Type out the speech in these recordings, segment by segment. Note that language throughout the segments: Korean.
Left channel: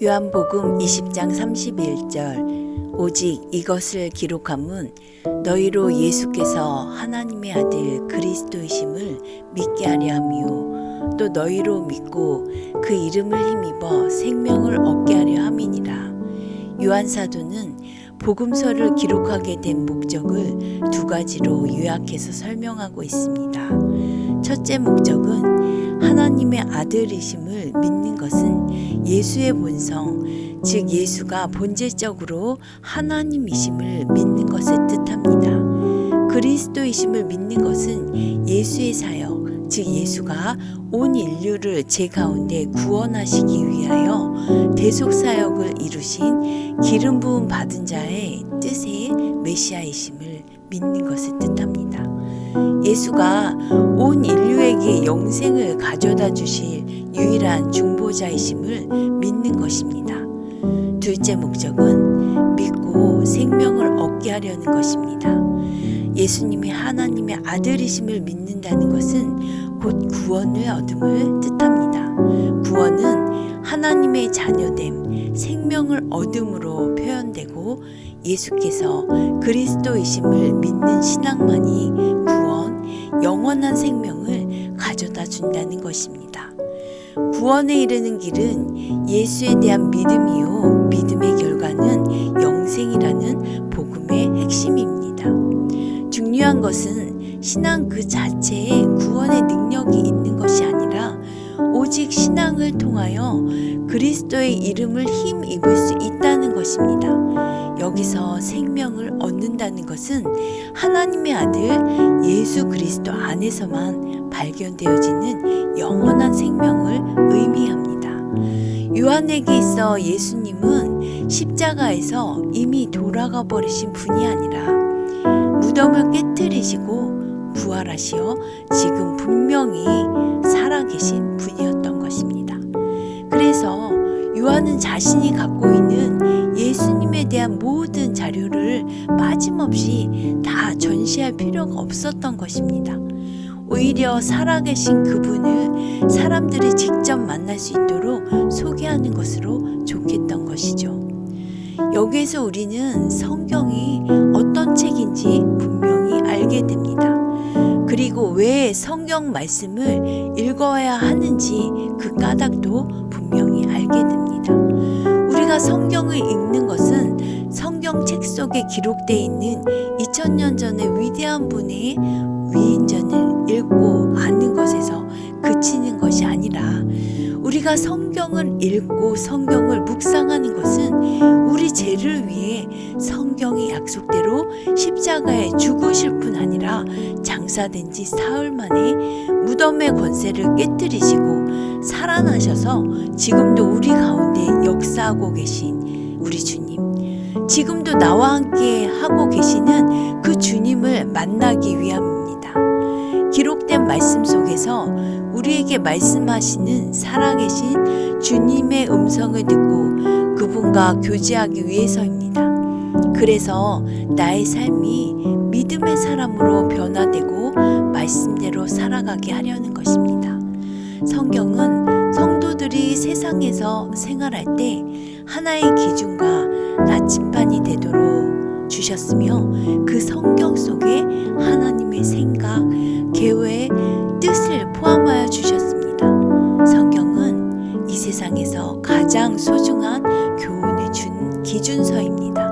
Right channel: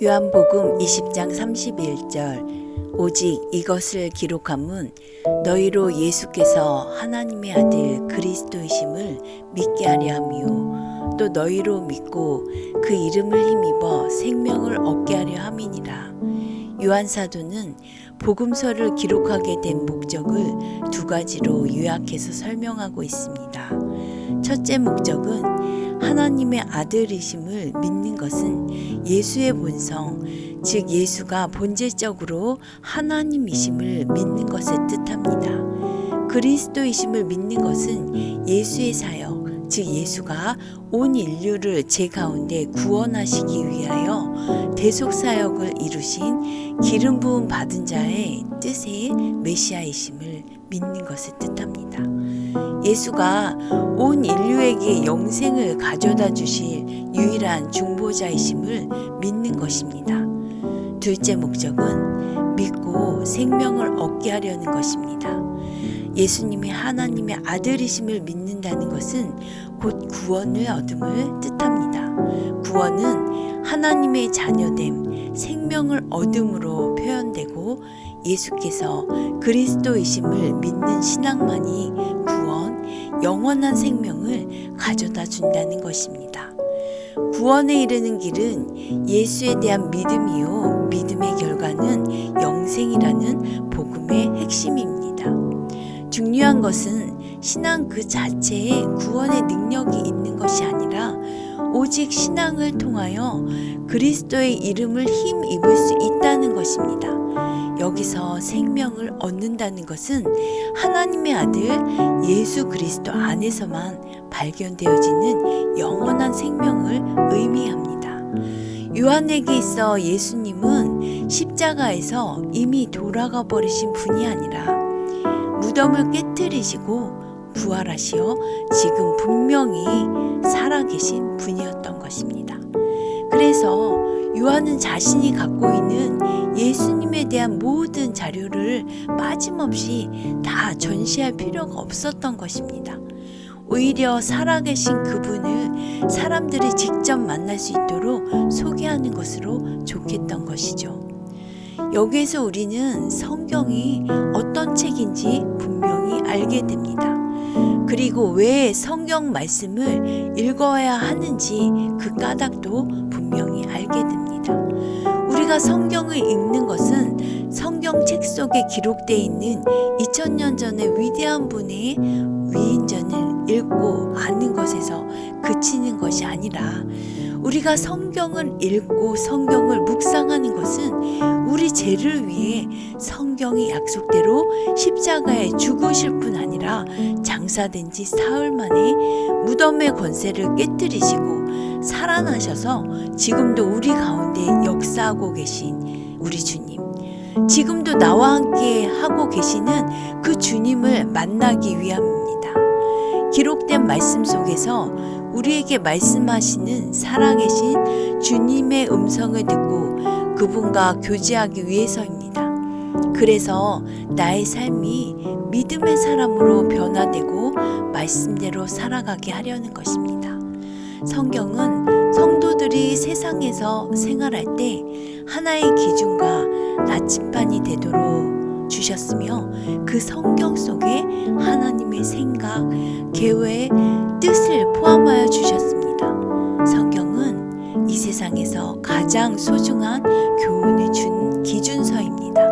요한복음 20장 31절 오직 이것을 기록함은 너희로 예수께서 하나님의 아들 그리스도이심을 믿게 하려 함이요 또 너희로 믿고 그 이름을 힘입어 생명을 얻게 하려 함이니라. 요한사도는 복음서를 기록하게 된 목적을 두 가지로 요약해서 설명하고 있습니다. 첫째 목적은 하나님의 아들이심을 믿는 것은 예수의 본성, 즉 예수가 본질적으로 하나님이심을 믿는 것을 뜻합니다. 그리스도이심을 믿는 것은 예수의 사역, 즉 예수가 온 인류를 제 가운데 구원하시기 위하여 대속사역을 이루신 기름 부음 받은 자의 뜻의 메시아이심을 믿는 것을 뜻합니다. 예수가 온 인류에게 영생을 가져다 주실 유일한 중보자이심을 믿는 것입니다. 둘째 목적은 믿고 생명을 얻게 하려는 것입니다. 예수님이 하나님의 아들이심을 믿는다는 것은 곧 구원을 얻음을 뜻합니다. 구원은 하나님의 자녀됨, 생명을 얻음으로 표현되고 예수께서 그리스도이심을 믿는 신앙만이 구원, 영원한 생명을 가져다 준다는 것입니다. 구원에 이르는 길은 예수에 대한 믿음이요 믿음의 결과는 영생이라는 복음의 핵심입니다. 중요한 것은 신앙 그 자체에 구원의 능력이 있는 것이 아니라 오직 신앙을 통하여 그리스도의 이름을 힘입을 수 있다는 것입니다. 여기서 생명을 얻는다는 것은 하나님의 아들 예수 그리스도 안에서만 발견되어지는 영원한 생명을 의미합니다. 요한에게 있어 예수님은 십자가에서 이미 돌아가 버리신 분이 아니라 무덤을 깨뜨리시고 부활하시어 지금 분명히 살아계신 분이었던 것입니다. 그래서 요한은 자신이 갖고 있는 예수님에 대한 모든 자료를 빠짐없이 다 전시할 필요가 없었던 것입니다. 오히려 살아계신 그분을 사람들이 직접 만날 수 있도록 소개하는 것으로 좋겠던 것이죠. 여기에서 우리는 성경이 어떤 책인지 분명히 알게 됩니다. 그리고 왜 성경 말씀을 읽어야 하는지 그 까닭도 분명히 알게 됩니다. 우리가 성경을 읽는 것은 성경책 속에 기록되어 있는 2000년 전의 위대한 분의 위인전을 읽고 아는 것에서 그치는 것이 아니라 우리가 성경을 읽고 성경을 묵상하는 것은 우리 죄를 위해 성경의 약속대로 십자가에 죽으실 뿐 아니라 장사된 지 사흘 만에 무덤의 권세를 깨뜨리시고 살아나셔서 지금도 우리 가운데 역사하고 계신 우리 주님, 지금도 나와 함께 하고 계시는 그 주님을 만나기 위함입니다. 기록된 말씀 속에서 우리에게 말씀하시는 살아계신 주님의 음성을 듣고 그분과 교제하기 위해서입니다. 그래서 나의 삶이 믿음의 사람으로 변화되고 말씀대로 살아가게 하려는 것입니다. 성경은 성도들이 세상에서 생활할 때 하나의 기준과 나침반이 되도록 주셨으며 그 성경 속에 하나님의 생각, 계획, 뜻을 포함하여 주셨습니다. 성경은 이 세상에서 가장 소중한 교훈을 준 기준서입니다.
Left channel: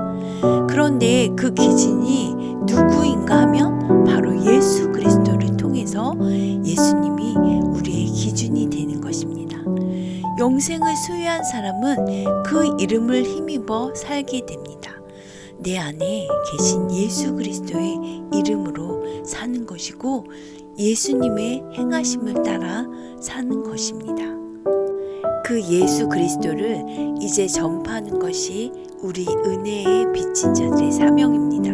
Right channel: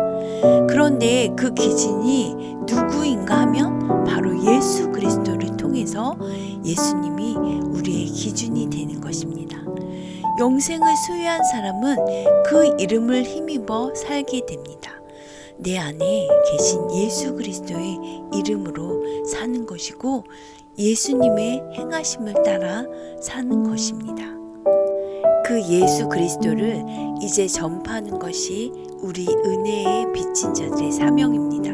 그런데 그 기준이 누구인가 하면 바로 예수 그리스도를 통해서 예수님이 우리의 기준이 되는 것입니다. 영생을 소유한 사람은 그 이름을 힘입어 살게 됩니다. 내 안에 계신 예수 그리스도의 이름으로 사는 것이고 예수님의 행하심을 따라 사는 것입니다. 그 예수 그리스도를 이제 전파하는 것이 우리 은혜에 비친 자들의 사명입니다.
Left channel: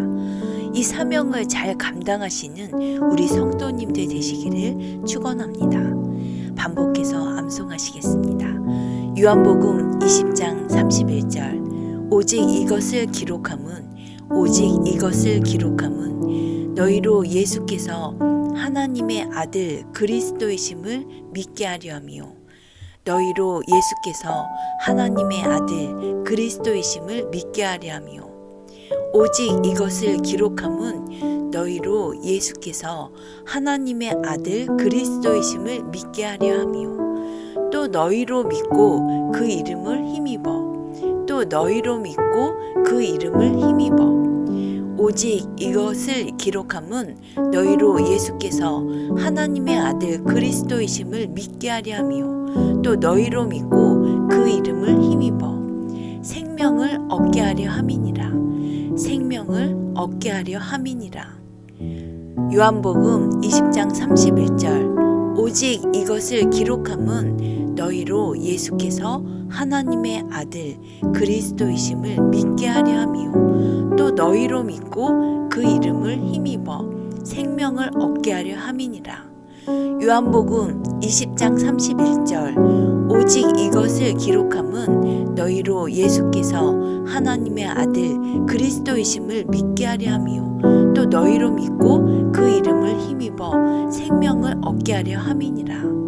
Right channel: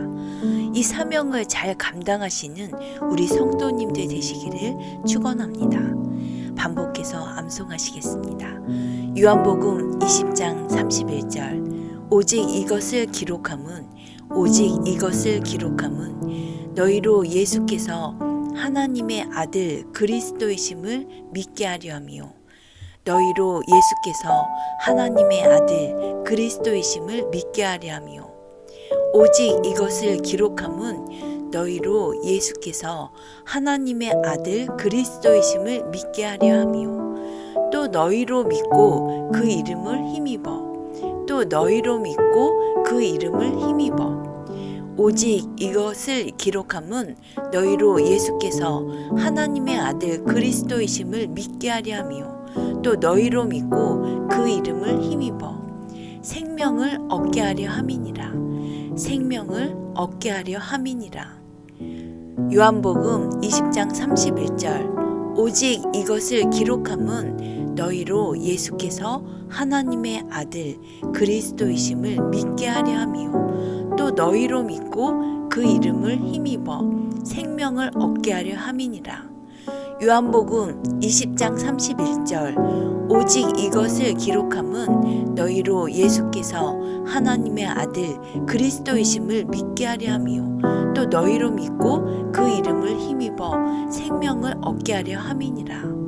이 사명을 잘 감당하시는 우리 성도님들 되시기를 축원합니다. 반복해서 암송하시겠습니다. 요한복음 20장 31절 오직 이것을 기록함은 오직 이것을 기록함은 너희로 예수께서 하나님의 아들 그리스도이심을 믿게 하려 함이요 너희로 예수께서 하나님의 아들 그리스도이심을 믿게 하려 하며 오직 이것을 기록함은 너희로 예수께서 하나님의 아들 그리스도이심을 믿게 하려 하며 또 너희로 믿고 그 이름을 힘입어 또 너희로 믿고 그 이름을 힘입어 오직 이것을 기록함은 너희로 예수께서 하나님의 아들 그리스도이심을 믿게 하려 하며 또 너희로 믿고 그 이름을 힘입어 생명을 얻게 하려 함이니라. 생명을 얻게 하려 함이니라. 요한복음 20장 31절 오직 이것을 기록함은 너희로 예수께서 하나님의 아들 그리스도이심을 믿게 하려 하며 또 너희로 믿고 그 이름을 힘입어 생명을 얻게 하려 함이니라. 요한복음 20장 31절 오직 이것을 기록함은 너희로 예수께서 하나님의 아들 그리스도이심을 믿게 하려 하며 또 너희로 믿고 그 이름을 힘입어 생명을 얻게 하려 함이니라.